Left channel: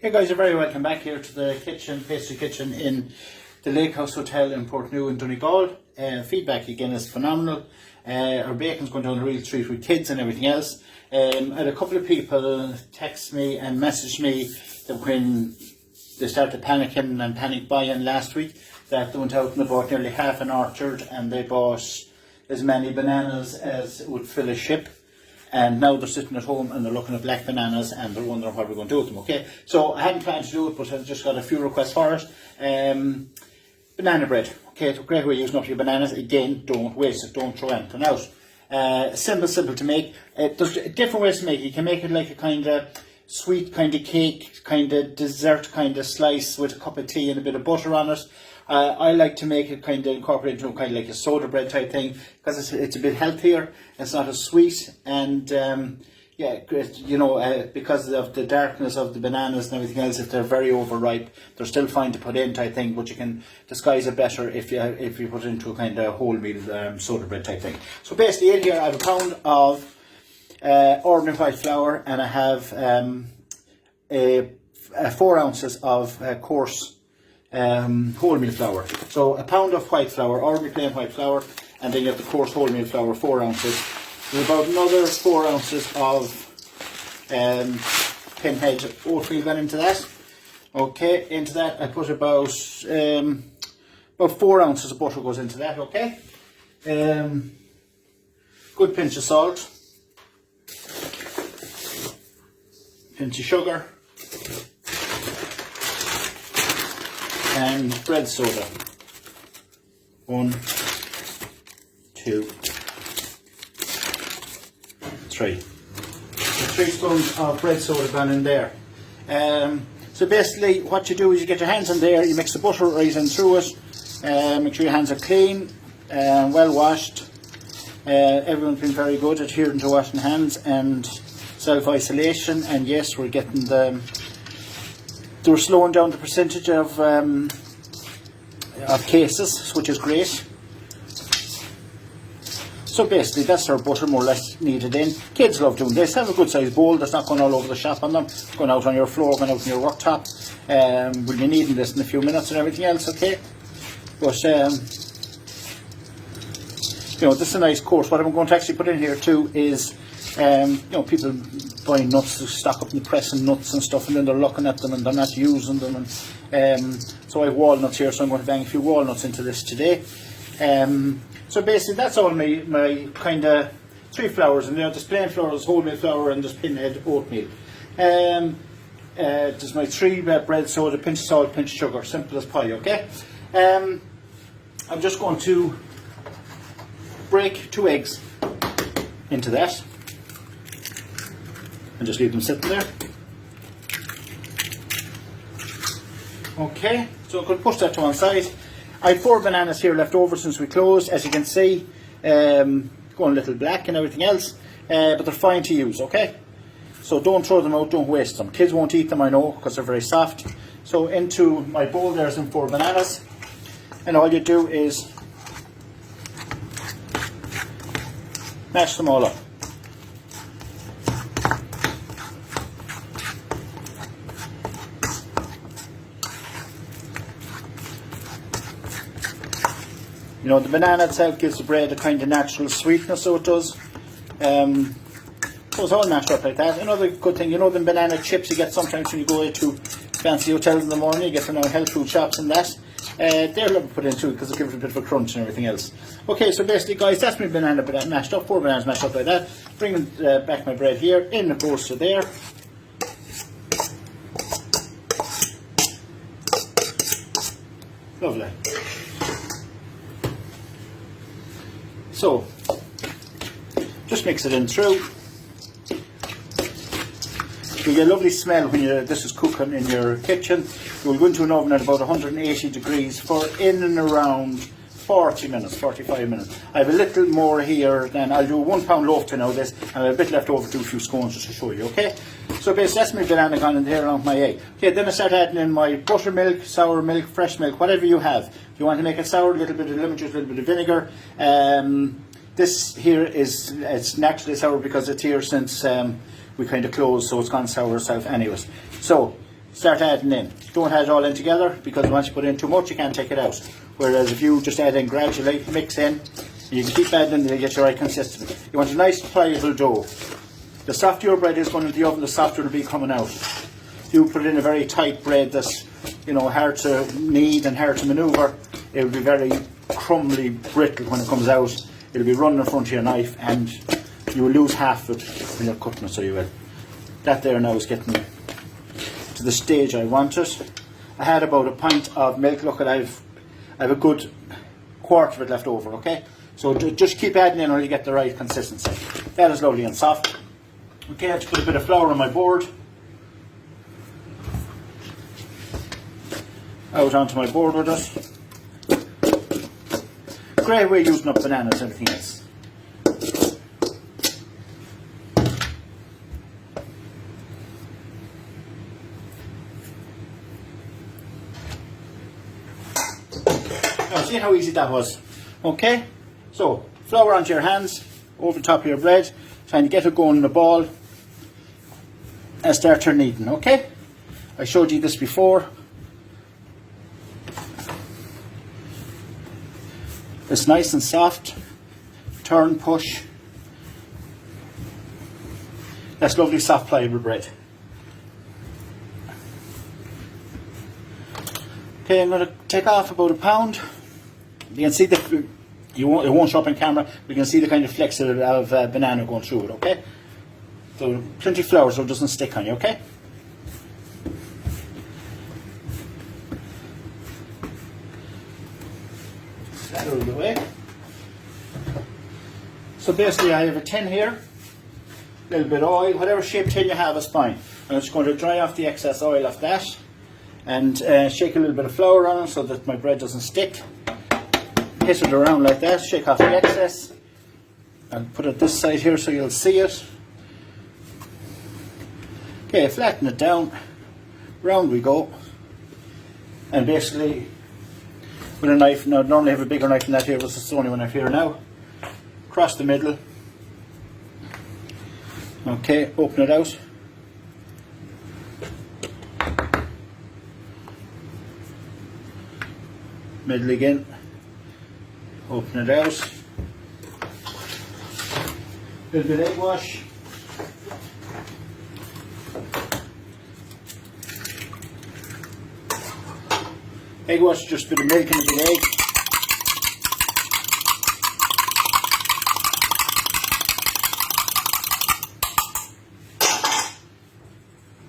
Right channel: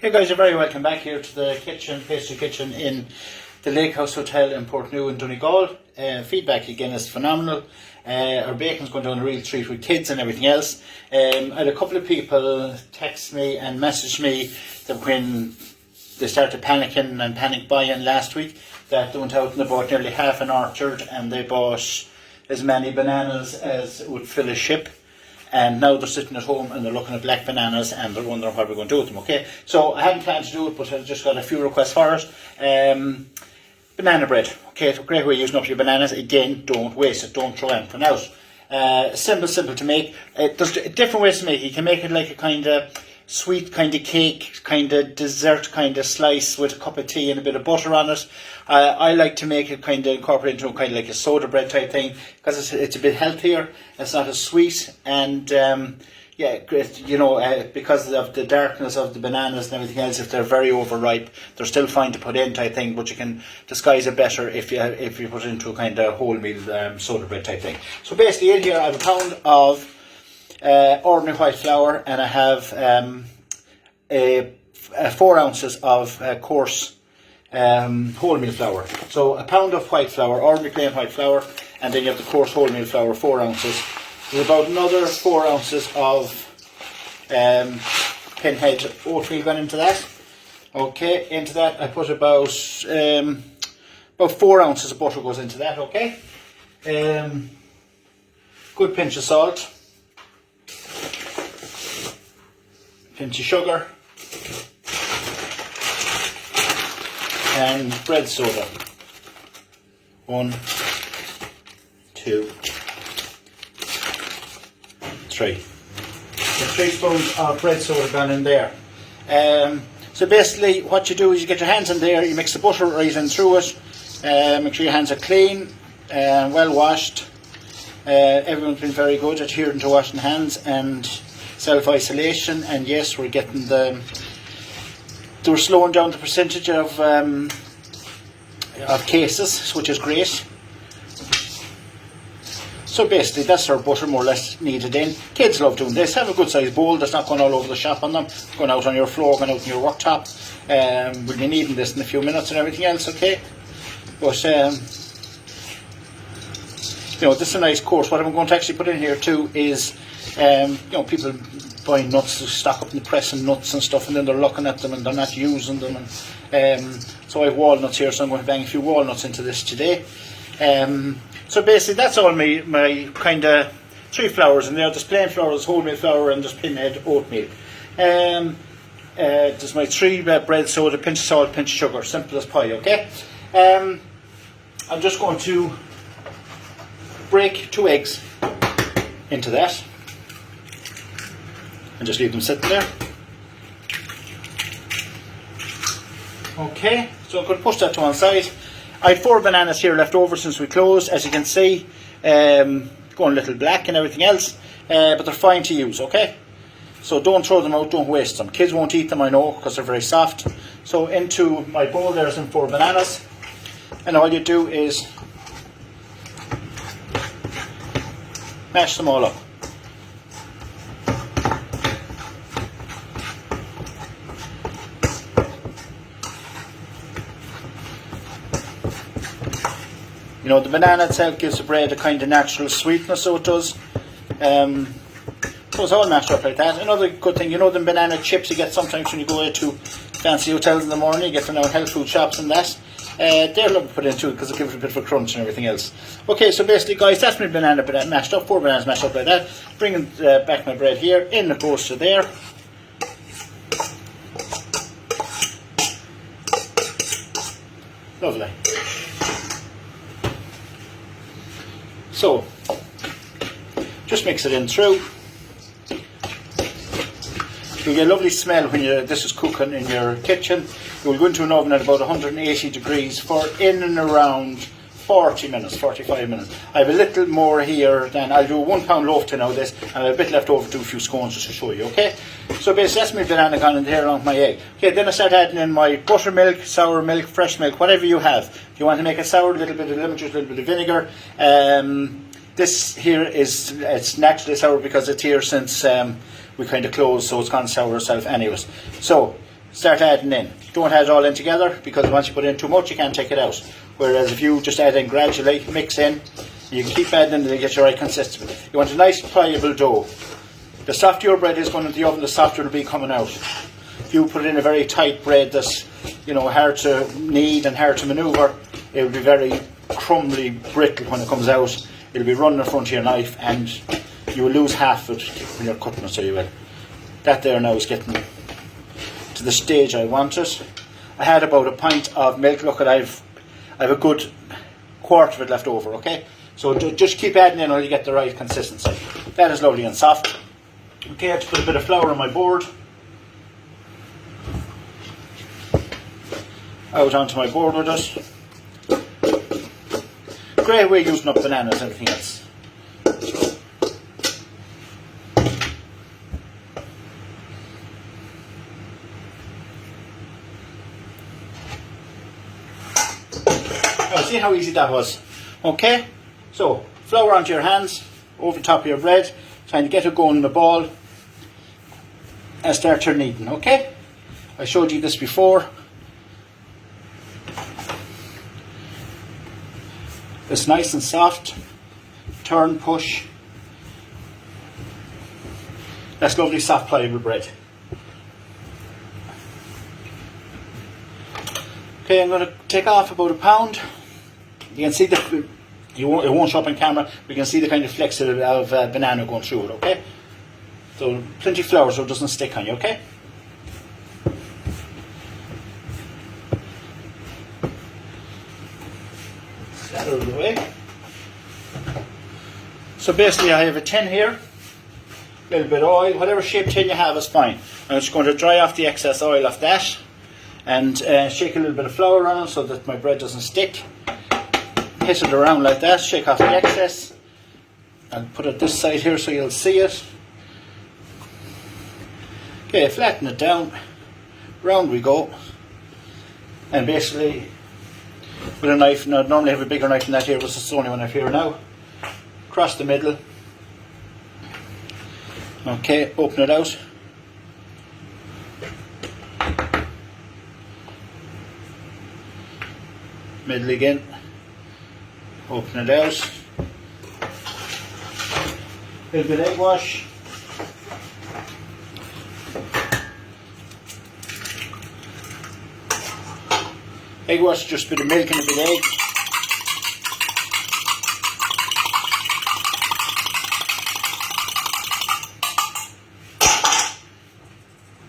Hey guys, you're very welcome back here to the kitchen, pastry kitchen in the Lake House Hotel in Portneuf in Donegal. Feedback again is phenomenal. Our bacon's going down a real treat with kids and everything else. I had a couple of people text me and message me that when they started panicking and panic buying last week, that they went out and they bought nearly half an orchard and they bought as many bananas as would fill a ship. And now they're sitting at home and they're looking at black bananas and they're wondering what we're going to do with them, okay? So I hadn't planned to do it, but I've just got a few requests for it. Banana bread, okay? So great way of using up your bananas. Again, don't waste it, don't throw anything out. Simple to make. There's different ways to make it. You can make it like a kind of sweet kind of cake, kind of dessert kind of slice with a cup of tea and a bit of butter on it. I like to make it kind of incorporate into kind of like a soda bread type thing because it's a bit healthier. It's not as sweet and yeah, great. You know, because of the darkness of the bananas and everything else, if they're very overripe, they're still fine to put in type thing. But you can disguise it better if you put it into a kind of wholemeal soda bread type thing. So basically, in here I have a pound of ordinary white flour, and I have 4 ounces of coarse wholemeal flour. So a pound of white flour, ordinary plain white flour, and then you have the coarse wholemeal flour, 4 ounces. There's about another 4 ounces of pinhead oatmeal went into that. Okay, into that I put about 4 ounces of butter goes into that, okay? Good pinch of salt, pinch of sugar, and bread soda. 1, 2, 3. So 3 spoons of bread soda gone in there. So basically what you do is you get your hands in there, you mix the butter right in through it, make sure your hands are clean, well washed. Everyone's been very good at adhering to washing hands and self-isolation, and yes, we're getting we're slowing down the percentage of cases, which is great. So basically that's our butter more or less kneaded in. Kids love doing this. Have a good sized bowl that's not going all over the shop on them, going out on your floor, going out on your worktop. We'll be needing this in a few minutes and everything else, okay? But you know, this is a nice course. What I'm going to actually put in here too is you know, people buying nuts to stock up in the press and nuts and stuff, and then they're looking at them and they're not using them. And so I have walnuts here, so I'm going to bang a few walnuts into this today. So basically that's all my kind of 3 flours in there. There's plain flour, there's wholemeal flour, and there's pinhead oatmeal. There's my 3 bread soda, pinch of salt, pinch of sugar, simple as pie, okay? I'm just going to break 2 eggs into that and just leave them sitting there. Okay, so I'm going to push that to one side. I had 4 bananas here left over since we closed, as you can see, going a little black and everything else, but they're fine to use, okay? So don't throw them out, don't waste them. Kids won't eat them, I know, because they're very soft. So into my bowl there's some 4 bananas, and all you do is mash them all up. You know, the banana itself gives the bread a kind of natural sweetness, so it does. So it's all mashed up like that. Another good thing, you know, the banana chips you get sometimes when you go to fancy hotels in the morning, you get them now in health food shops and that. They're lovely to put in too because it gives it a bit of a crunch and everything else. Okay, so basically guys, that's my banana mashed up, 4 bananas mashed up like that. Bringing back my bread here, in the toaster there. Lovely. So, just mix it in through. You get a lovely smell when this is cooking in your kitchen. You'll go into an oven at about 180 degrees for in and around 40 minutes, 45 minutes. I have a little more here than I'll do a 1 pound loaf to now this, and I have a bit left over to do a few scones just to show you, okay? So basically that's my banana gone in there on my egg. Okay, then I start adding in my buttermilk, sour milk, fresh milk, whatever you have. If you want to make it sour, a little bit of lemon juice, a little bit of vinegar. This here it's naturally sour because it's here since we kind of closed, so it's gone sour itself anyways. So start adding in. Don't add it all in together, because once you put in too much you can't take it out. Whereas if you just add in gradually, mix in, you can keep adding in until you get your right consistency. You want a nice pliable dough. The softer your bread is going into the oven, the softer it'll be coming out. If you put in a very tight bread that's, you know, hard to knead and hard to manoeuvre, it will be very crumbly, brittle when it comes out. It'll be running in front of your knife and you will lose half of it when you're cutting it, so you will. That there now is getting to the stage I want it. I had about a pint of milk. Look, I have a good quarter of it left over, okay? So just keep adding in until you get the right consistency. That is lovely and soft. Okay, I have to put a bit of flour on my board. Out onto my board with it. Great way using up bananas and everything else. Now see how easy that was. Okay, so flour onto your hands, over the top of your bread, trying to get it going in the ball and start your kneading. Okay, I showed you this before. It's nice and soft. Turn, push. That's lovely soft pliable bread. Okay, I'm going to take off about a pound. You can see it won't show up on camera, but you can see the kind of flecks of banana going through it, okay? So plenty of flour so it doesn't stick on you, okay? That out of the way. So basically I have a tin here, a little bit of oil, whatever shape tin you have is fine. I'm just going to dry off the excess oil off that and shake a little bit of flour on it so that my bread doesn't stick. Hit it around like that, shake off the excess, and put it this side here so you'll see it. Okay, flatten it down, round we go, and basically with a knife, now I normally have a bigger knife than that here, but it's the only one I have here now, across the middle. Okay, open it out. Middle again. Open it out. A little bit of egg wash. Egg wash is just a bit of milk and a bit of egg.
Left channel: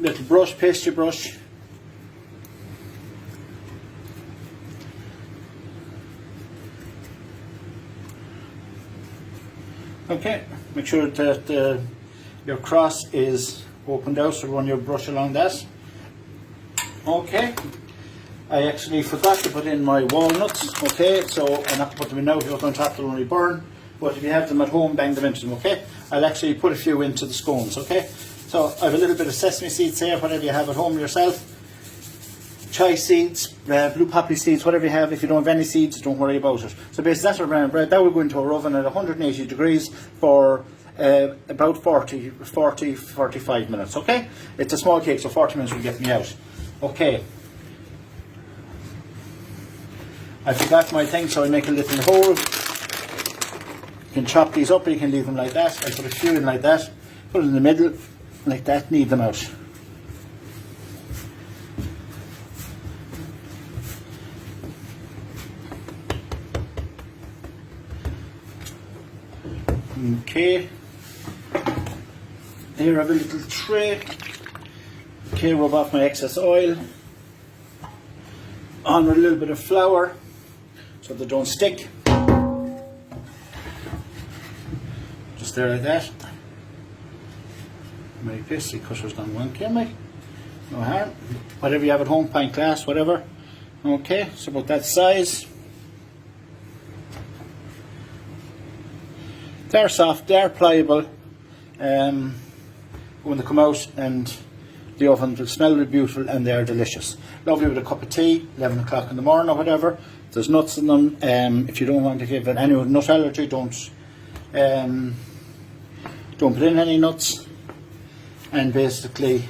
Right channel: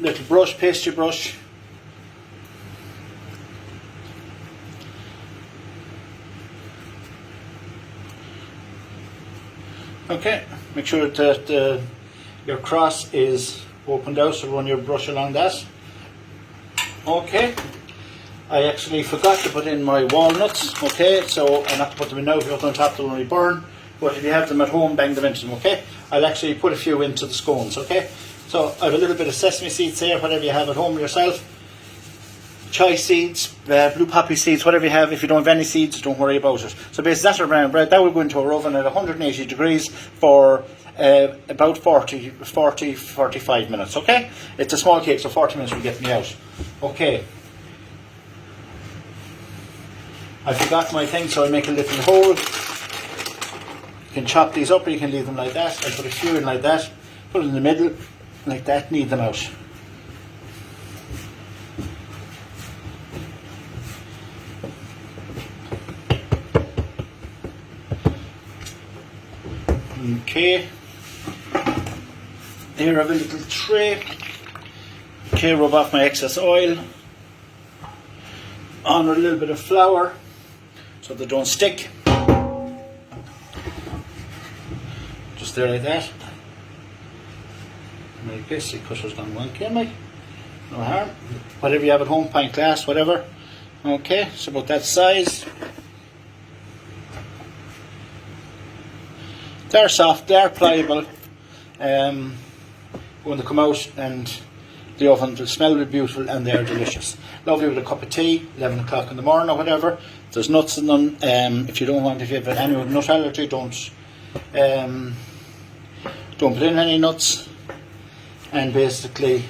Little brush, pastry brush. Okay, make sure that your cross is opened out, so run your brush along that. Okay, I actually forgot to put in my walnuts, okay, so I'm not going to put them in now. If you put them on top they'll only burn, but if you have them at home, bang them into them, okay. I'll actually put a few into the scones, okay. So I have a little bit of sesame seeds here, whatever you have at home yourself. Chia seeds, blue poppy seeds, whatever you have. If you don't have any seeds, don't worry about it. So basically that's our brown bread. That will go into our oven at 180 degrees for about 45 minutes, okay? It's a small cake, so 40 minutes will get me out. Okay. I forgot my thing, so I make a little hole. You can chop these up or you can leave them like that. I put a few in like that, put it in the middle, like that, knead them out. Okay, here I have a little tray. Okay, rub off my excess oil on a little bit of flour so they don't stick. Just there like that. Like this, the cutter's gone wrong, okay, no harm. Whatever you have at home, pint glass, whatever. Okay, it's about that size. They're soft, they're pliable. When they come out and the oven will smell really beautiful and they're delicious. Lovely with a cup of tea, 11 o'clock in the morning or whatever. There's nuts in them. If you don't want, if you have any nut allergy, don't put in any nuts. And basically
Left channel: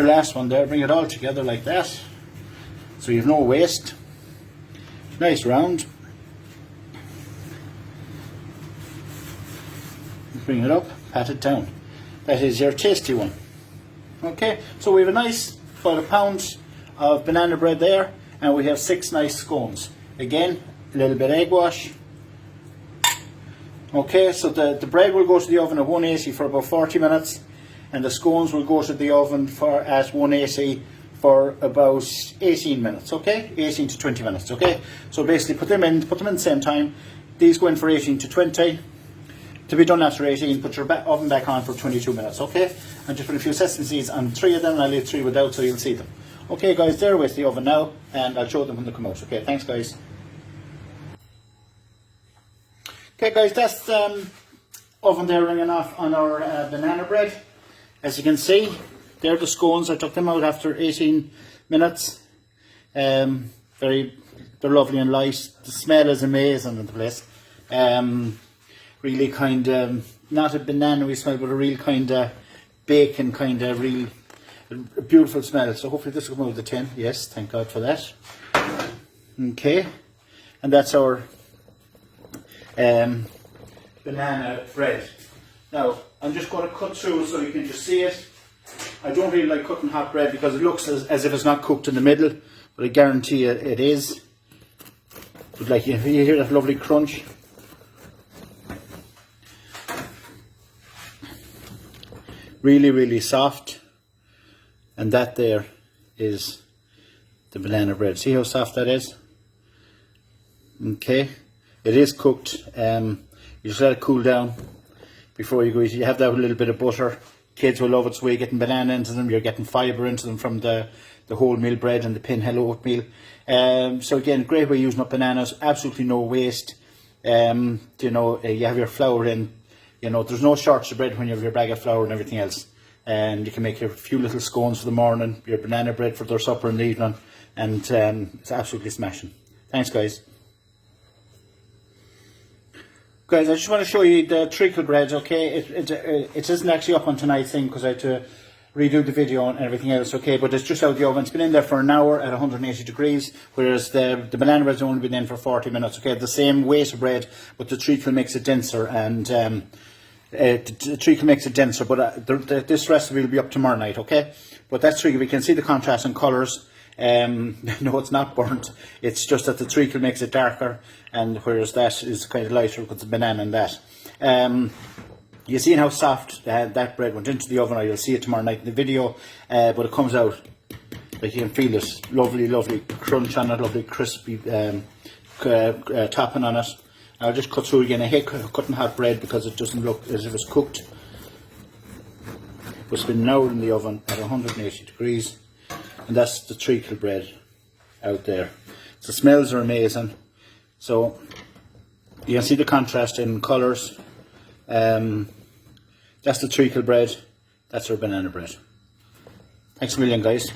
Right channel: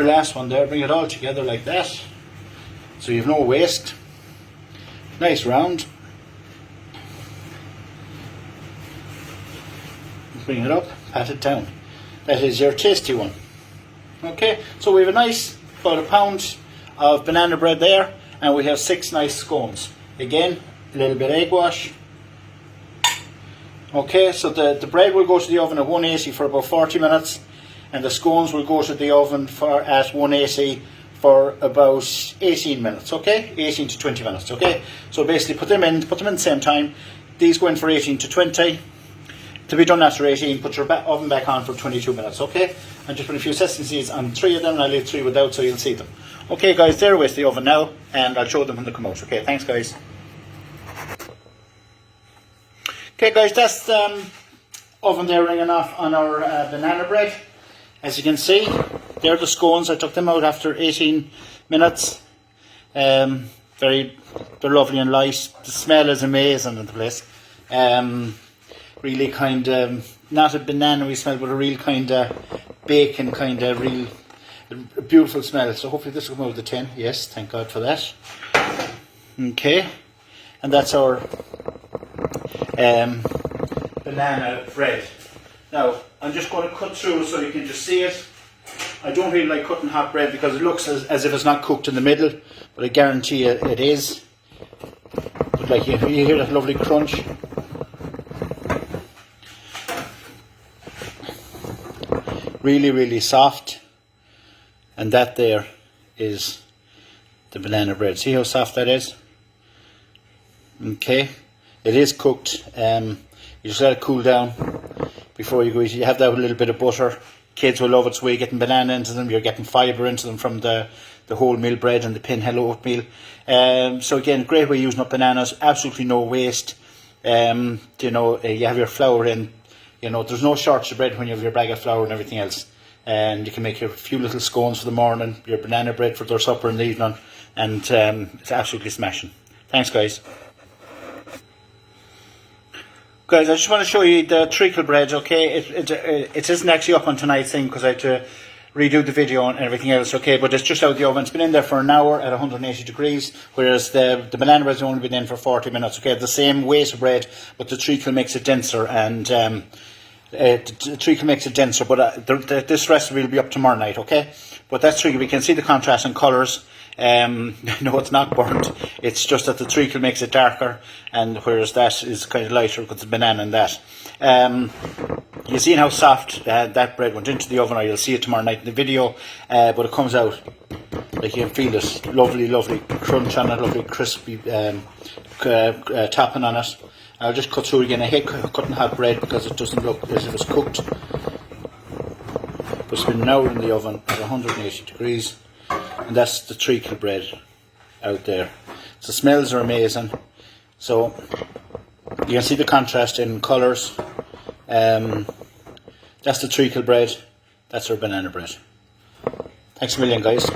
your last one there, bring it all together like that, so you have no waste. Nice round. Bring it up, pat it down. That is your tasty one. Okay, so we have a nice, about a pound of banana bread there, and we have 6 nice scones. Again, a little bit of egg wash. Okay, so the bread will go to the oven at 180 for about 40 minutes, and the scones will go to the oven at 180 for about 18 minutes, okay? 18 to 20 minutes, okay? So basically put them in the same time. These go in for 18 to 20. To be done after 18, put your oven back on for 22 minutes, okay? And just put a few sesame seeds on 3 of them, and I'll leave 3 without so you'll see them. Okay guys, they're with the oven now, and I'll show them when they come out, okay? Thanks guys. Okay guys, that's the oven there ringing off on our banana bread. As you can see, they're the scones. I took them out after 18 minutes. They're lovely and light. The smell is amazing in the place. Really kind of, not a banana smell, but a real kind of bacon kind of real beautiful smell. So hopefully this will come out of the tin. Yes, thank God for that. Okay, and that's our banana bread. Now, I'm just going to cut through so you can just see it. I don't really like cutting hot bread because it looks as if it's not cooked in the middle, but I guarantee you it is. But like you hear that lovely crunch. Really, really soft. And that there is the banana bread. See how soft that is? Okay. It is cooked. You just let it cool down before you go eat it. You have that with a little bit of butter. Kids will love it, so you're getting banana into them, you're getting fibre into them from the wholemeal bread and the pinhead oatmeal. So again, great way of using up bananas, absolutely no waste. You have your flour in, there's no shortage of bread when you have your bag of flour and everything else. And you can make a few little scones for the morning, your banana bread for their supper in the evening, and it's absolutely smashing. Thanks guys. Guys, I just want to show you the treacle bread, okay? It isn't actually up on tonight's thing because I had to redo the video and everything else, okay? But it's just out of the oven. It's been in there for an hour at 180 degrees, whereas the banana bread's only been in for 40 minutes, okay? The same weight of bread, but the treacle makes it denser, and the treacle makes it denser, but this recipe will be up tomorrow night, okay? But that's treacle. We can see the contrast in colours. No, it's not burnt. It's just that the treacle makes it darker, and whereas that is kind of lighter with the banana and that. You see how soft that bread went into the oven, or you'll see it tomorrow night in the video. But it comes out, like you can feel it, lovely, lovely crunch on it, lovely crispy topping on it. I'll just cut through again. I hate cutting hot bread because it doesn't look as if it's cooked. But it's been an hour in the oven at 180 degrees. And that's the treacle bread out there. So the smells are amazing. So you can see the contrast in colours. That's the treacle bread. That's our banana bread. Thanks a million guys.